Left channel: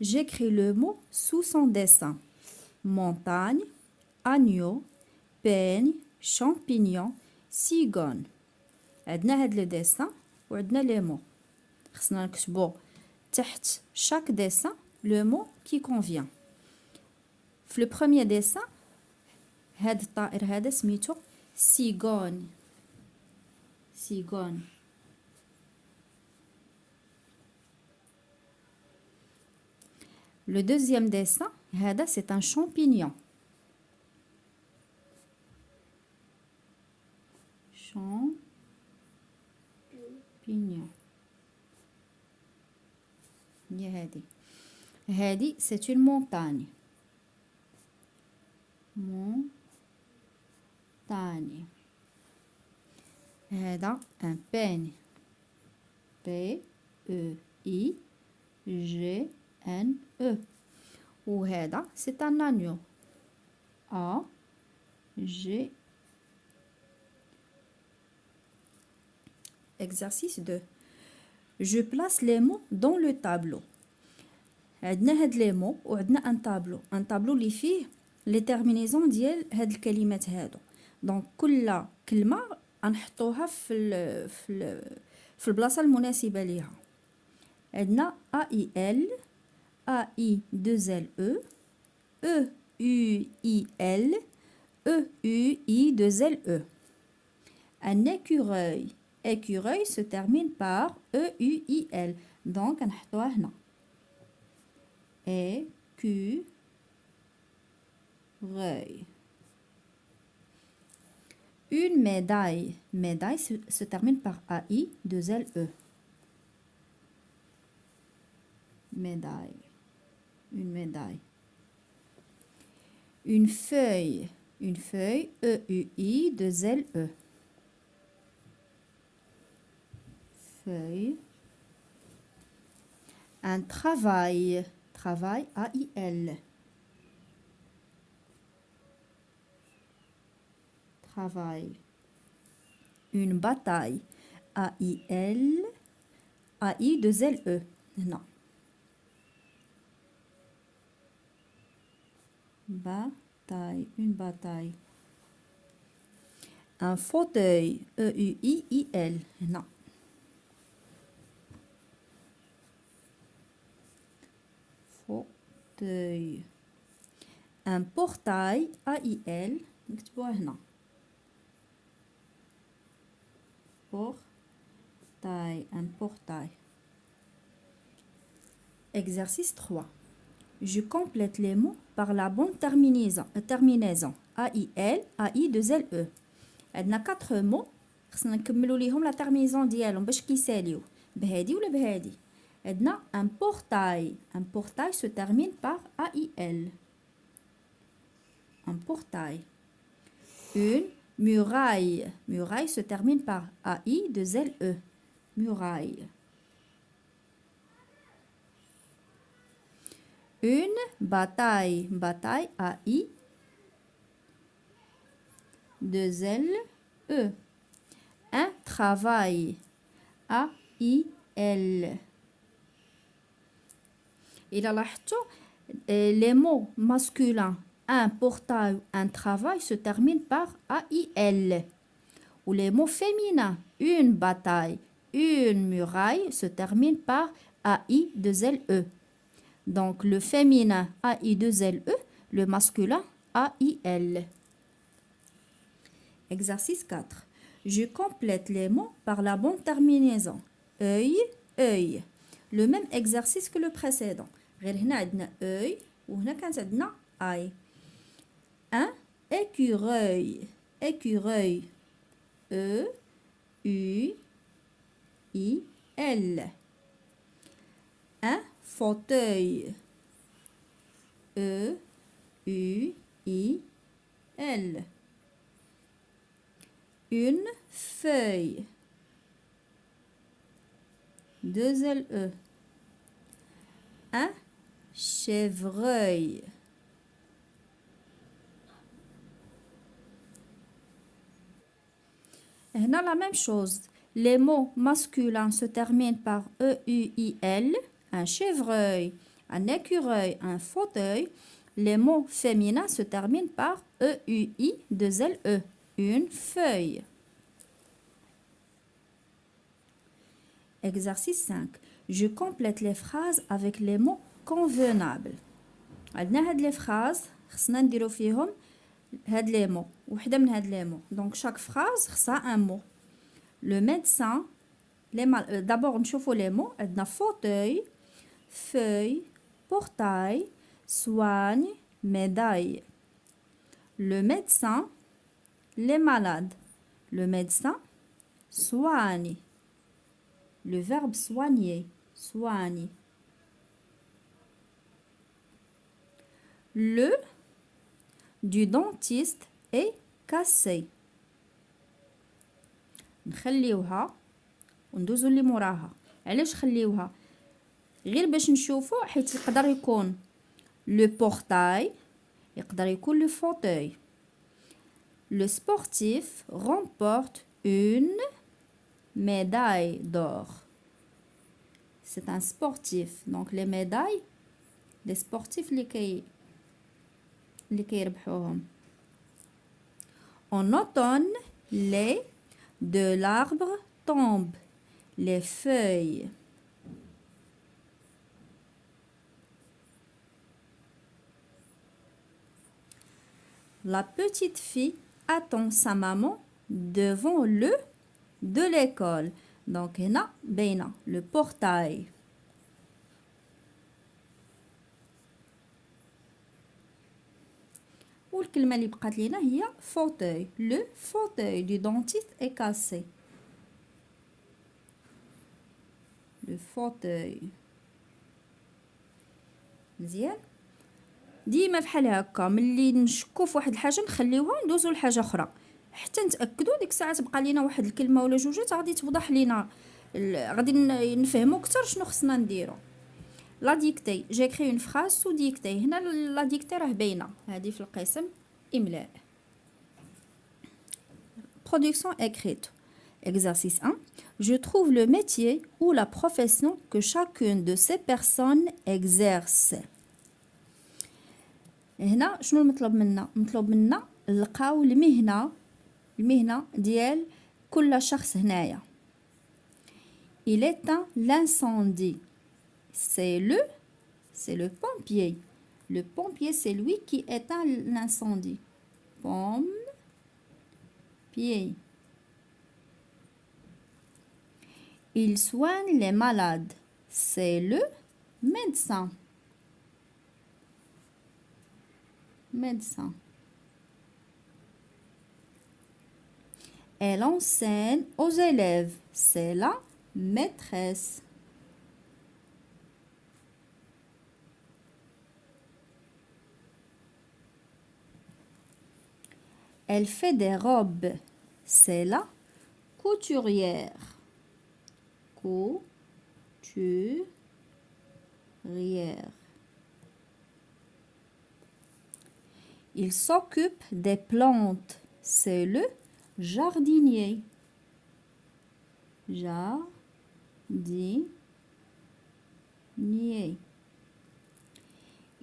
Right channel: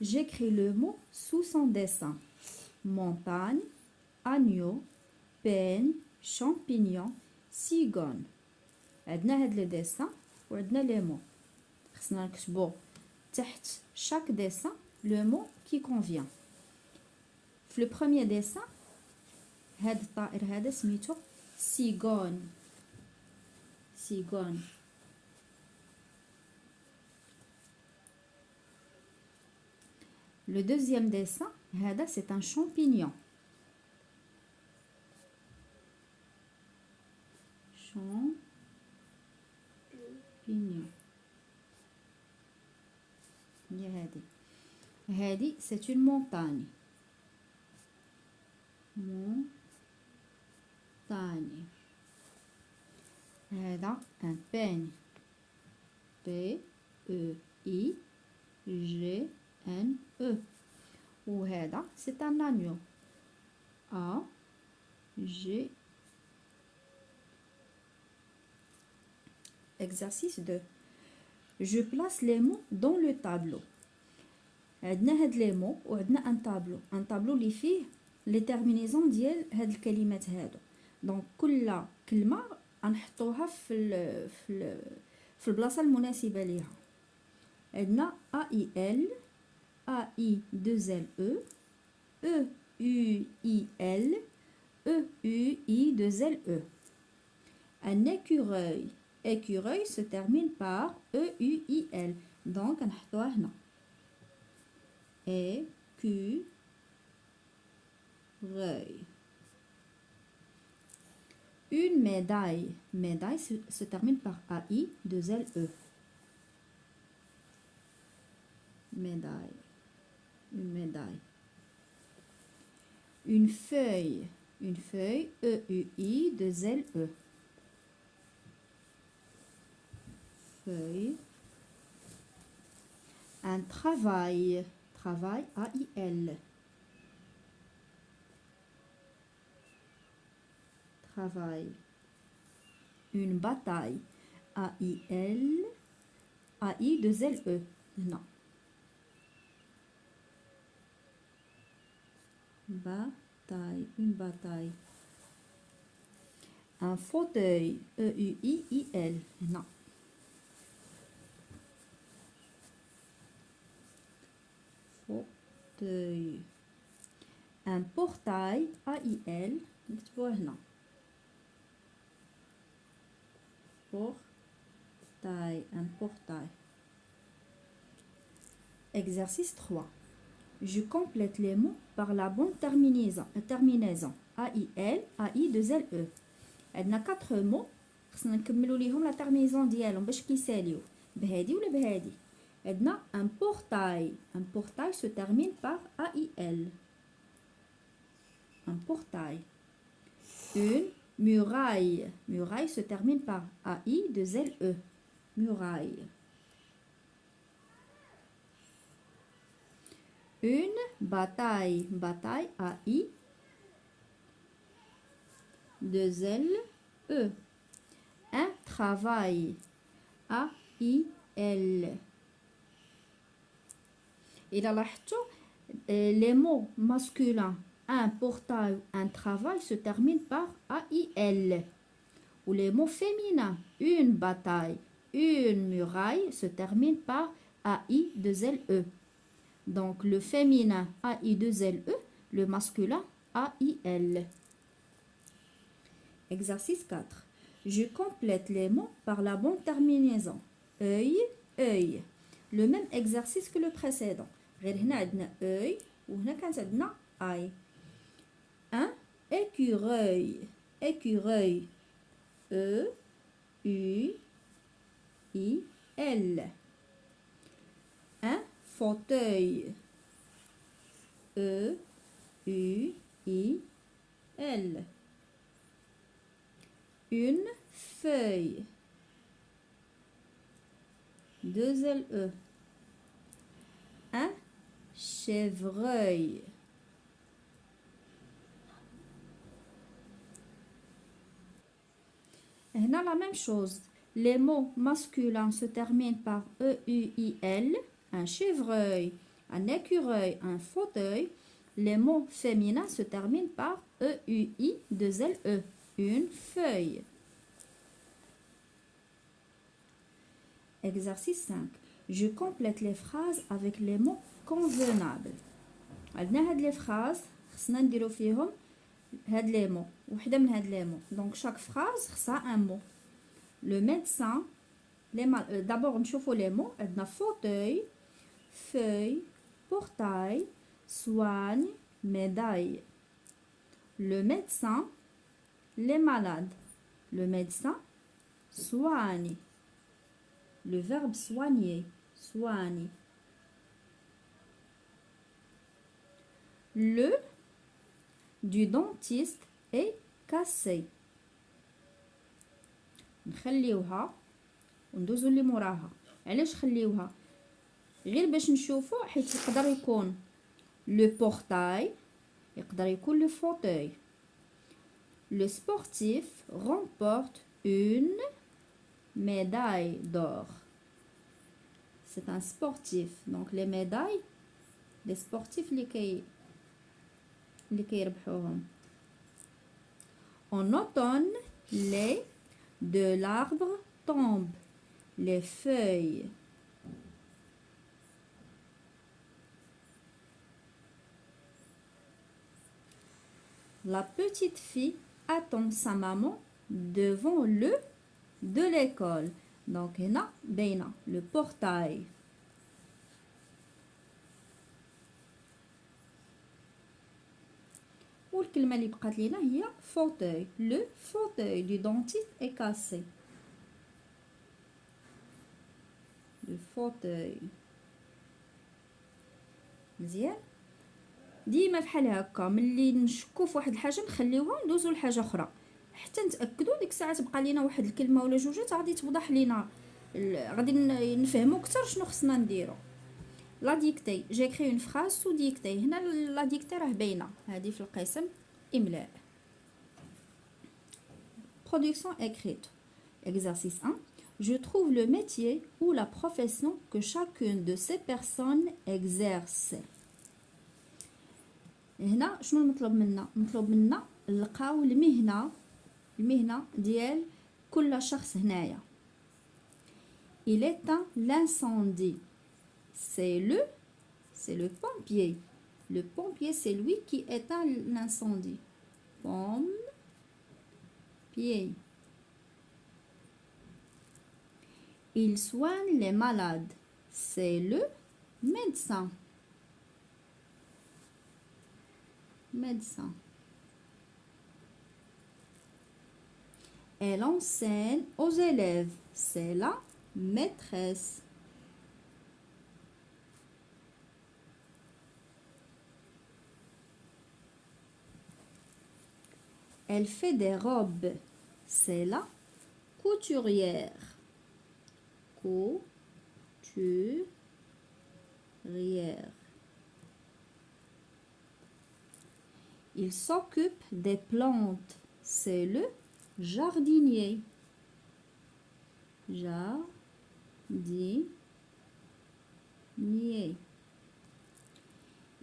j'écris le mot sous son dessin. Montagne, agneau, peigne, champignon, cigogne. عندنا هاد لو ديسان وعندنا لي مو. خصنا نكتبو تحت chaque dessin le mot qui convient. في لو بروميير ديسان هاد الطائر هذا سميتو سيغون. سيغون. Le deuxième dessin, هذا c'est un champignon. Champignon. هي هذه c'est une montagne. Montagne. هذا un peigne. P-E-I-G-N-E. وهذا c'est un agneau. A-G. Exercice 2. Je place les mots dans le tableau. عندنا هاد لي مو وعندنا ان طابلو اللي فيه لي تيرمينيزون ديال هاد الكلمات هادو. دونك كل كلمه غنحطوها في البلاصه المناسبه ليها. عندنا A I L A I 2 L E E U I L E U I 2 L E. Un écureuil. Écureuil se termine par E U I L. Donc غنحطوها هنا. Écureuil. Une médaille. Médaille se termine par AI 2 L E. Médaille. Une médaille. Une feuille. Une feuille E U I 2 L E. Feuille. Un travail. Travail A-I-L. Travail. Une bataille. A-I-L. A-I-2-L-E. Non. Bataille. Une bataille. Un fauteuil. E-U-I-I-L. Non. Fauteuil. Un portail. A-I-L. نكتبوها هنا. Portail. Un portail. Exercice 3. Je complète les mots par la bonne terminaison. A-I-L, A-I-2-L-E. عندنا 4 mots. خصنا نكملوا ليهم لا terminaison ديالهم باش كيساليو بهادي ولا بهادي. عندنا un portail. Un portail se termine par A-I-L. Un portail. Une muraille. Muraille se termine par A-I-2-L-E. Muraille. Une bataille. Bataille A-I-2-L-E. Un travail. A-I-L. إلا لاحظتوا les mots masculins un portail, un travail se termine par A-I-L. Ou les mots féminins une bataille, une muraille se termine par A-I-2-L-E. Donc le féminin A-I-2-L-E, le masculin A-I-L. Exercice 4. Je complète les mots par la bonne terminaison. œil, œil. Le même exercice que le précédent. غير هنا عندنا œil وهنا كانت عندنا eye. Un écureuil. Écureuil. E U I L. Un fauteuil. E U I L. Une feuille. 2 L E. Un chevreuil. هنا la même chose. Les mots masculins se terminent par E-U-I-L. Un chevreuil, un écureuil, un fauteuil. Les mots féminins se terminent par E-U-I, 2 L-E. Une feuille. Exercice 5. Je complète les phrases avec les mots convenables. عندنا هاد les phrases خصنا نديرو فيهم هاد les mots. وحدة من هاد les mots. Donc chaque phrase خصها un mot. Le médecin, d'abord نشوفوا les mots. عندنا fauteuil, feuille, portail, soigne, médaille. Le médecin, les malades. Le médecin soigne. Le verbe soigner, soigne. Le du dentiste est cassé. نخليوها وندوزو اللي موراها. علاش خليوها؟ غير باش نشوفو حيت يقدر يكون le portail، يقدر يكون le fauteuil. Le sportif remporte une médaille d'or. C'est un sportif. Donc les médailles, les sportifs اللي كيربحوهم. En automne, les de l'arbre tombent. Les feuilles. La petite fille attend sa maman devant le de l'école. Donc هنا باينة le portail. والكلمة اللي بقات لينا هي fauteuil. Le fauteuil du dentiste est cassé. Le fauteuil. مزيان. ديما بحال هكا ملي نشكو في واحد الحاجه نخليوها ندوزو لحاجه اخرى حتى نتاكدوا ديك الساعه تبقى لينا واحد الكلمه ولا جوجات غادي توضح لينا غادي نفهموا اكثر شنو خصنا نديرو. لا ديكتي جيكري اون فراز سو ديكتي. هنا لا ديكتي راه باينه هذه في القسم املاء. Production écrite. Exercice 1. Je trouve le métier ou la profession que chacune de ces personnes exerce. هنا شنو المطلوب منا؟ مطلوب منا نلقاو المهنة ديال كل شخص هنايا. Il éteint l'incendie. C'est le pompier. Le pompier, c'est lui qui éteint l'incendie. Pompier. Il soigne les malades. C'est le médecin. Médecin. Elle enseigne aux élèves. C'est la maîtresse. Elle fait des robes. C'est la couturière. Couturière. Il s'occupe des plantes. C'est le jardinier. Jardinier.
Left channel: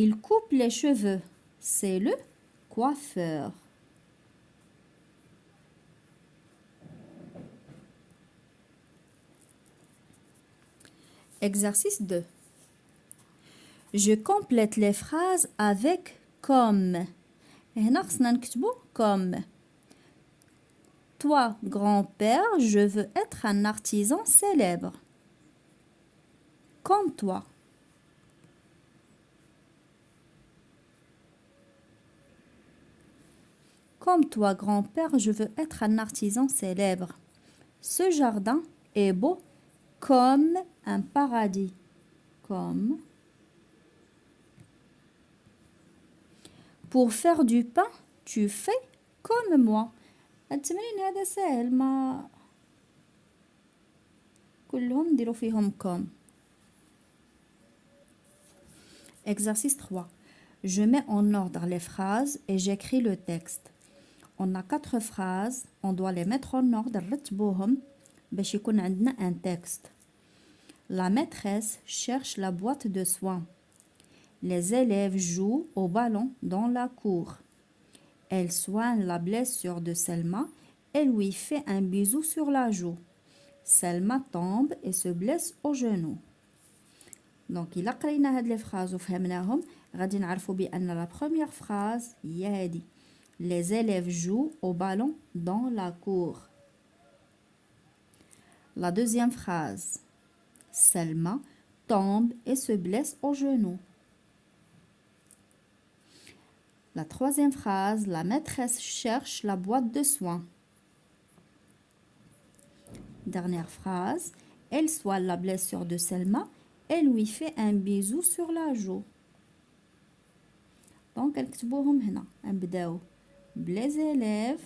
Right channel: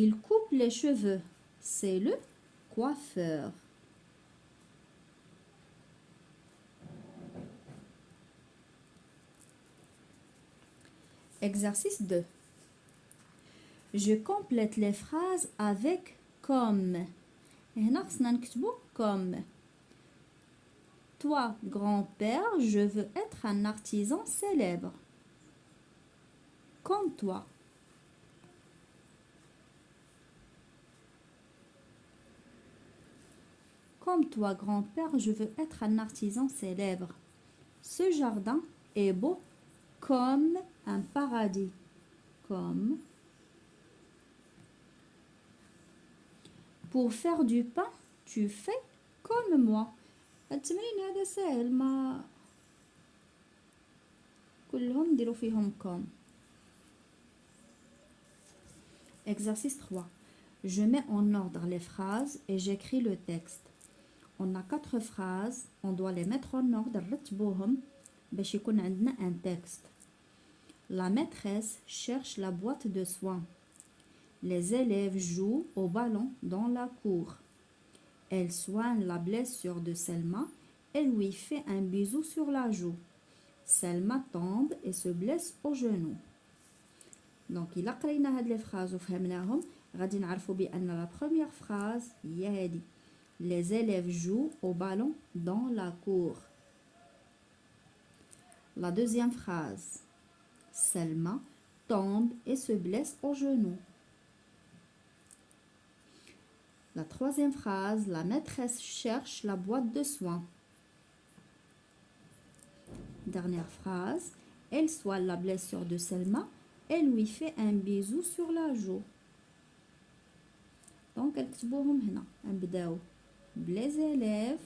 Il coupe les cheveux. C'est le coiffeur. Exercice 2. Je complète les phrases avec comme. هنا خصنا نكتبو comme. Toi, grand-père, je veux être un artisan célèbre. Comme toi. Comme toi, grand-père, je veux être un artisan célèbre. Ce jardin est beau comme un paradis. Comme. Pour faire du pain, tu fais comme moi. التمرين هذا سهل ما كلهم نديرو فيهم comme. Exercice 3. Je mets en ordre les phrases et j'écris le texte. On a 4 phrases, on doit les mettre en ordre نرتبوهم باش يكون عندنا un texte. La maîtresse cherche la boîte de soins. Les élèves jouent au ballon dans la cour. Elle soigne la blessure de Selma et lui fait un bisou sur la joue. Selma tombe et se blesse au genou. Donc, إلا قرينا هاد لي فراز وفهمناهم غادي نعرفوا بأن la première phrase هي هادي. Les élèves jouent au ballon dans la cour. La deuxième phrase. Selma tombe et se blesse au genou. La troisième phrase. La maîtresse cherche la boîte de soins. Dernière phrase. Elle soigne la blessure de Selma et lui fait un bisou sur la joue. Donc, نكتبوهم هنا. نبداو les élèves.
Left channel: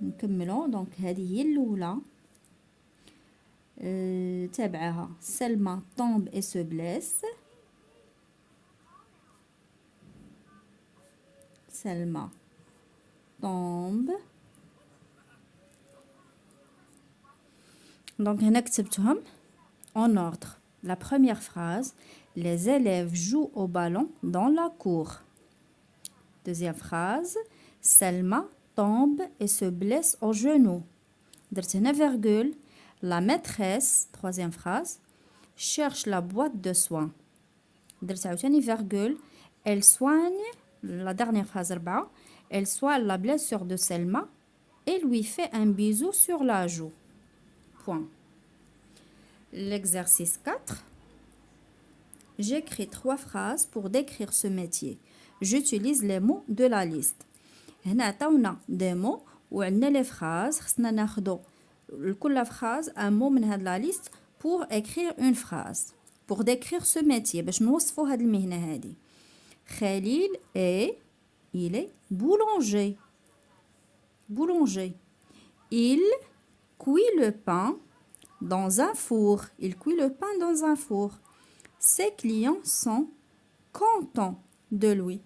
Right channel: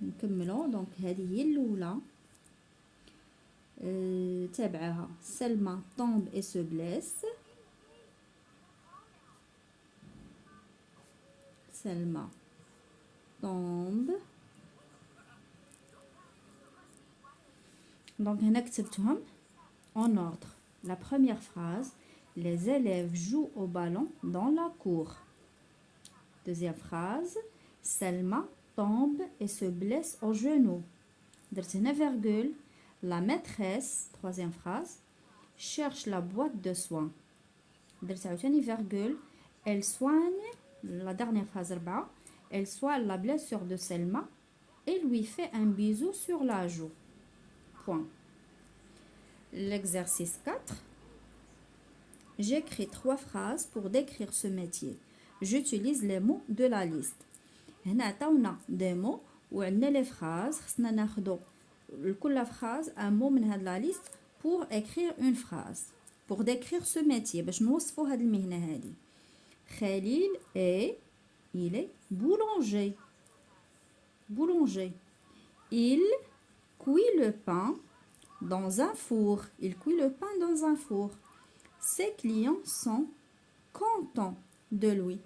نكملو. دونك هذه هي الأولى. تابعها Selma tombe et se blesse. Selma tombe. Donc, هنا كتبتهم en ordre. La première phrase. Les élèves jouent au ballon dans la cour. Deuxième phrase. Selma tombe et se blesse au genou. درت هنا virgule. La maîtresse, troisième phrase, cherche la boîte de soins. درت عاوتاني virgule. Elle soigne, la dernière phrase 4. Elle soigne la blessure de Selma et lui fait un bisou sur la joue. Point. L'exercice 4. J'écris 3 phrases pour décrire ce métier. J'utilise les mots de la liste. هنا عطاونا des mots وعندنا les phrases. خصنا ناخدو لكل phrase un mot من هاد la liste pour écrire une phrase. Pour décrire ce métier باش نوصفو هاد المهنة هادي. Khalil il est boulanger. Boulanger. Il cuit le pain dans un four. Il cuit le pain dans un four. Ses clients sont contents de lui.